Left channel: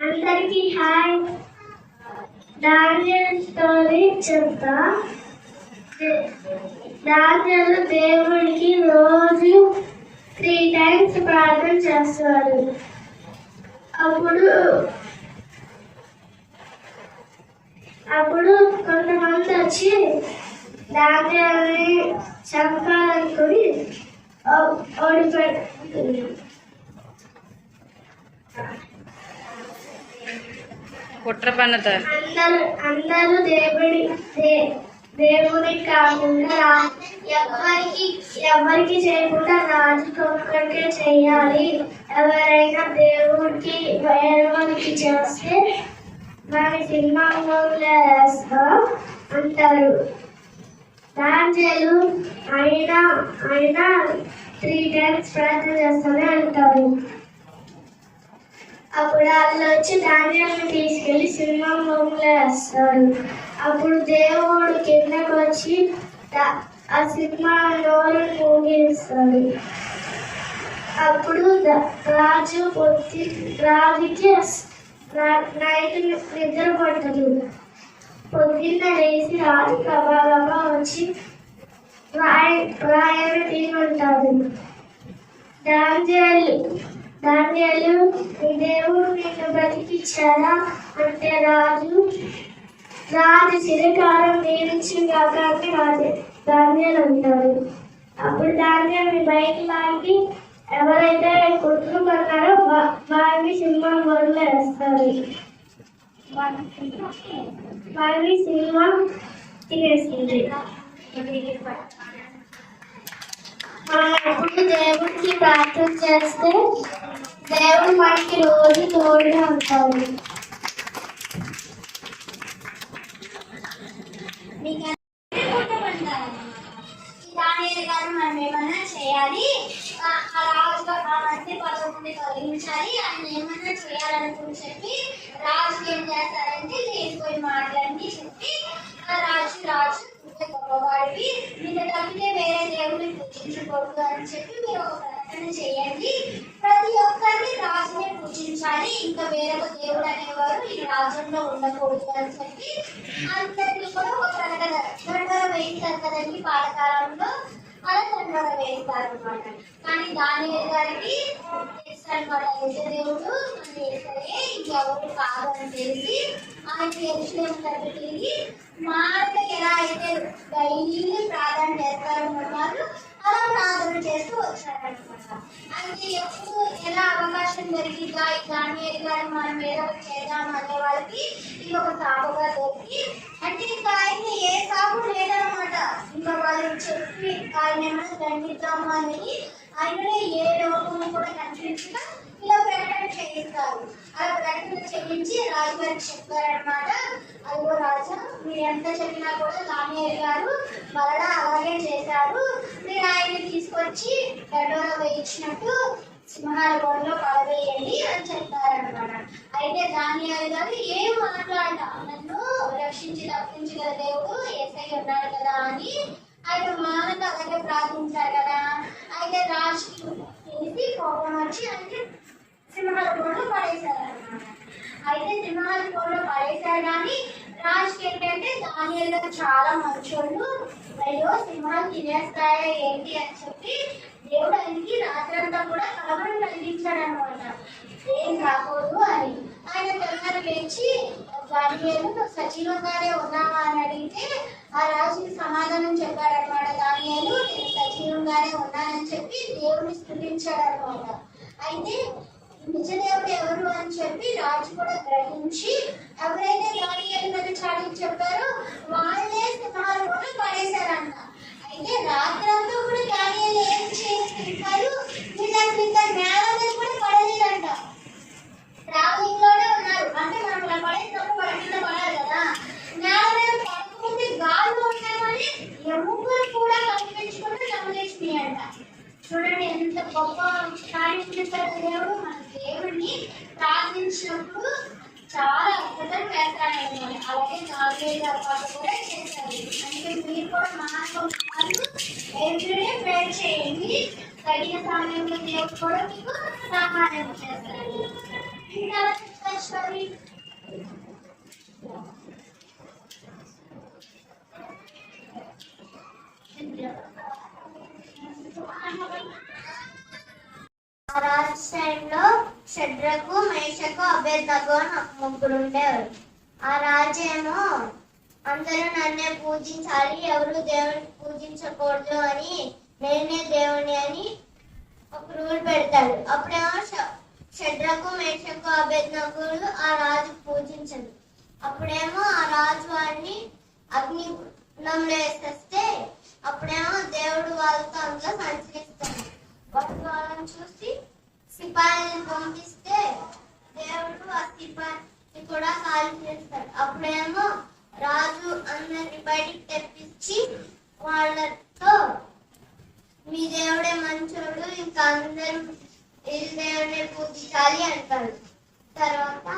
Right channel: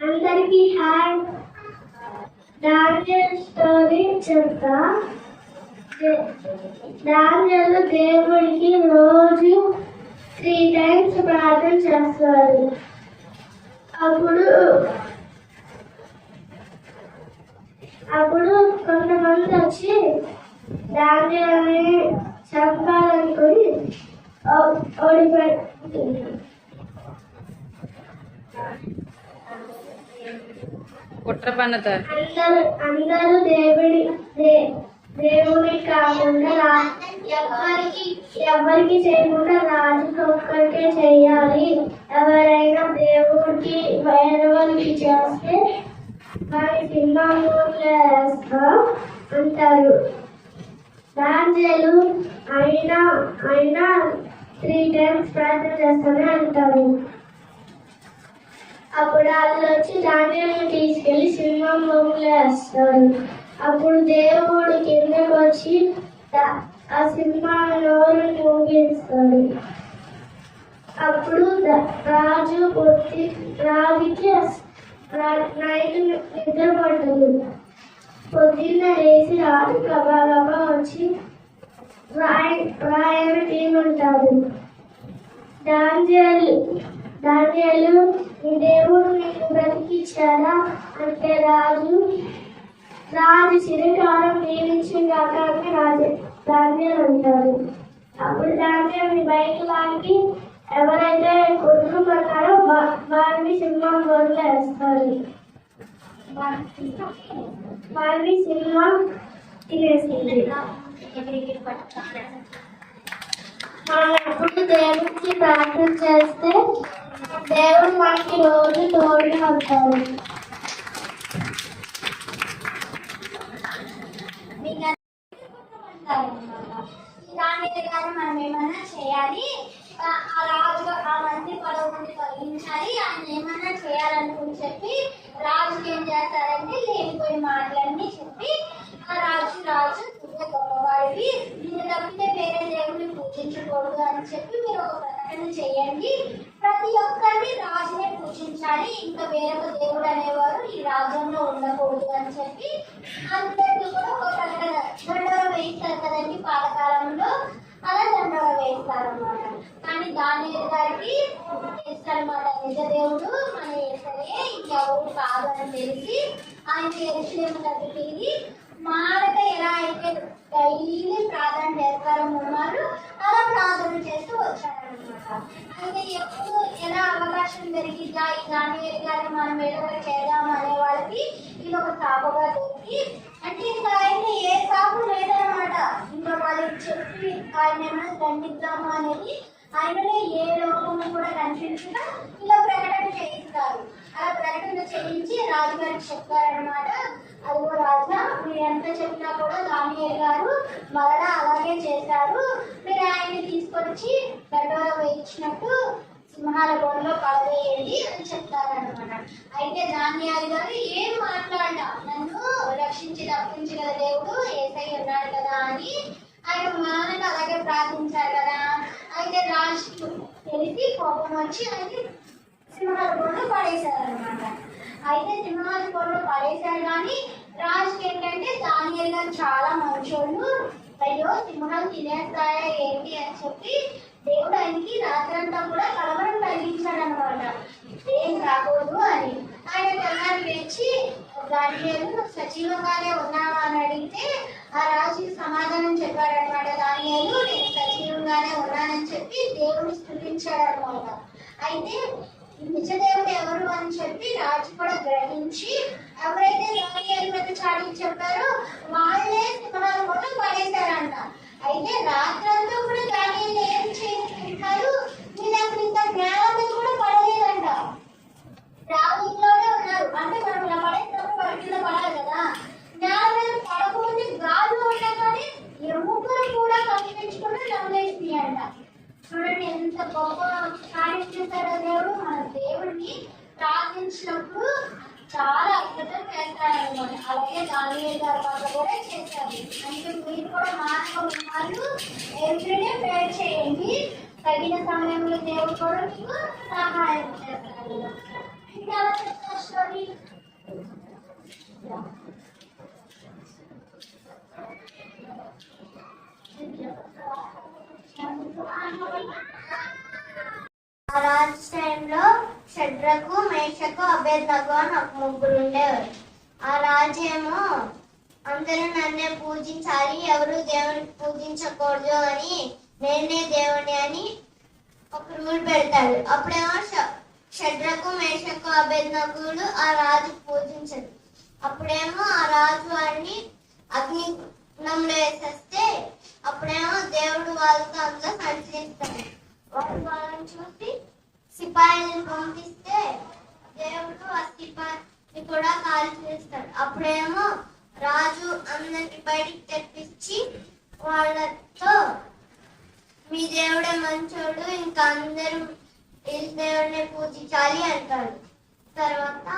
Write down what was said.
అందరికీ hi. Daniel story చెప్తా. Daniel దేవుడికి రోజు 3 times ప్రార్థన చేస్తాడు. అప్పుడు కొంతమంది వచ్చి డానియల్ని చంపాలనుకుని ఓడిపోయి కుట్ర పన్నుతారు. అందరూ దేవుడి కాకుండా ఎవరికి చేయకుండా రాజుకి ఒక్కరికే చెయ్యాలి. ఎవరైనా దేవుడికి వేరేవాళ్ళకి చేస్తే మన సింహంలో వేస్తాం అంటారు. డానియేలు అయినా 3 times ప్రార్థన చేస్తానే అంటారు. అప్పుడు వాళ్ళు వచ్చి డానియేలుని తీసుకెళ్లి సింహంలో వేస్తాడు. అప్పుడు దేవుడు కిందకు వచ్చి ఆ సింహం నోరు మూగిస్తాడు. అప్పుడు రాజుకి నైట్ నిద్ర పట్టదు. పొద్దున్న లేచి రాజు గబగబా వచ్చి రాయని తీయమంటాడు. డానియేలు నీ దేవుడు నిన్ను బ్రతికిచ్చాడా అంటే రాజు చిరకాలం దీవించిందాక అని డానియేలు అంటాడు. అప్పుడు డానియేలుని బయట లాగి ఎవరైతే కొట్టుకున్నారో వారిని సింహం బొర్రలో వేస్తారు. వారిని సింహం తినేసింది. మనం ఎప్పుడు దేవుడికి ప్రార్థన చేస్తే దేవుడు మనకి రోజు తోడుగా ఉంటాడు. డానియేలు గారు మనం ఏమన్నా చేయాలి, రాజుగా ఆ మంది 10 మంది తొలగించాలి, ఆయన ఏమన్నా చేయాలనుకుని చెప్పి రాజుకి ఏం చేస్తారంటే లేనిపోయి మాటలన్నీ ఉండకూడదు అని చెప్పి అందరినీ కూడా ఒక దండోర వేస్తారు కదండి పాతకాలంలో. అలా దండోర వేస్తారు అనమాట. కానీ దానియేలు గారికి తెలుసనమాట, నిజ దేవుడు మన యేసయ్యే, ఇంకెవరు కాదు అని తెలిసి ఆయన యెరూషలేము దగ్గరికి తిరిగి మారక ఎలా అయితే డైలీ ప్రార్థన చేస్తారన్నారు అలా ప్రార్థన చేస్తూ వచ్చారనమాట. అయితే ఎప్పుడు ఎలా అవకాశం దొరికిద్దా ఈ దానియేలు గారు మనం ఏదో ఒకటి చేద్దాం అనే వాళ్ళకి ఇది ఒక సాగుగా దొరికి, అంటే ఇంకా ఆయన ఏ సాగు లేదనమాట. ఇంకా వాళ్ళు చెప్పి ఆయన ఏమైనా దండిద్దాము అనేది ఆయననే ఏ లోపము కూడా కనిపించగా ఇలా ప్రకటన చేయిస్తారు. అలా ప్రకటన చేయించి రాజుగారికి చెప్పారనమాట, అదిగో రాజా, మీరు ఎంత చెప్పినా కూడా దానియేలు గారు మరలా అలాగే చేశారు. మీరు ఆయన్ని తీసుకొచ్చి దండోర వేయించినట్టు సింహాల బోన్లో పడవేయండి అని చెప్తారనమాట. అయితే దానియేలు గారు ఏం మాట్లాడా, నన్ను రక్షించి తప్పించిన దేవుడు యేసయ్య ఉన్నాడు కదా అని ఆయన మానక అలాగే ప్రార్థించారు కదా. అయితే రాజుకి తెలిసి కోపం వచ్చి ఆయన సింహాల బోన్లో పడేశారనమాట. అయితే సింహాల బోన్లో పడేశారు కానీ రాజుకి ఏంటంటే దానియేలు గారు చాలా మంచోళ్ళు, అయ్యో సింహాలు తినేస్తాయా ఏంటి అని చెప్పి దేవుడు ఆయనకి రాత్రంతా కూడా కలవరం కలిగించాడు అనమాట, ఏం రాకూడదు అని. ఆయన తెల్లారి లేచి దానియేలు సజీవంగానే ఉన్నావా అని అడిగితే ఆ రాజుకి సమాధానం చెప్పాడనమాట. దానియేలు నేను సజీవంగానే ఉన్నానని చెప్పి దేవుని స్తుతించాడు అనమాట. అయితే నిజ దేవుడు ఎవరు అని చెప్పి రాజు కూడా గ్రహించి ఎవరైతే దానియేలు మీద చాటి చెప్పారో వాళ్ళే సింహాల బోన్లో పడేశారంట. అయితే రాత్రంతా కూడా దానియేలు ఏం చేస్తున్నారు, మీరు అసలు ఇంకా నేల మీద కూడా పడలేదంట, ట్రావెలింగ్ లోనే ఉన్నారు. అంటే మనం ఇలా పడేసినప్పుడు వాడి కింద పడాలి కదా, నేల మీద పడకముందే గాల్లో ఉన్నా కానీ ఎముకలు కూడా కనిపించకుండా చంపేసినాయి అంట. చూడండి ఎంత గొప్ప కార్యం చేశారు దేవుడు. మన దేవుడిని ప్రార్థించినప్పుడు చాలా అద్భుతం చేస్తారనమాట. అలాగే దానియేలు గారి పాట కూడా చేశారు. అంటే మీరు కూడా మానవులు ఎవ్రీడే ప్రేయర్ చేయండి, తగిన సమయంలో దేవుడు కూడా మీకు సహాయం చేస్తాడు. ఇంకా చెప్తారు స్టోరీ. ఆ రాజు టైంలో షడ్రకు, మేషకు, అబేద్నగో అని ఒక ముగ్గురు ఉండేవారు. ఆ రాజు ఏమో అందరూ నన్నే పూజించాలి, ఎవరు దేవుని పూజించకూడదు అని, నేనే దేవుని అని ఒక రూల్ పెడతాడు. అప్పుడేమో షడ్రకు, మేషకు, అబేద్నగోలు ఆ రాజు పూజించదు. అప్పుడేమో ఆ రాజు వారిని అగ్నిగుండంలో వేసేస్తే అప్పుడేమో దేవుడు వాళ్ళతో అంతా సంచరిస్తాడు. వాళ్ళని చూసి సిపాయిలను పంపిస్తే దేవుడు ఆ సిపాయిని కూడా కాల్ చేస్తాడు. అప్పుడేమో రాజు అందరిని బయటికి తెప్పించి వాళ్ళతో మీ దేవుడే మంచోడు, ఇంకా అందరూ వీళ్ళ దేవుడే పూజించాలి అంటాడు. తర్వాత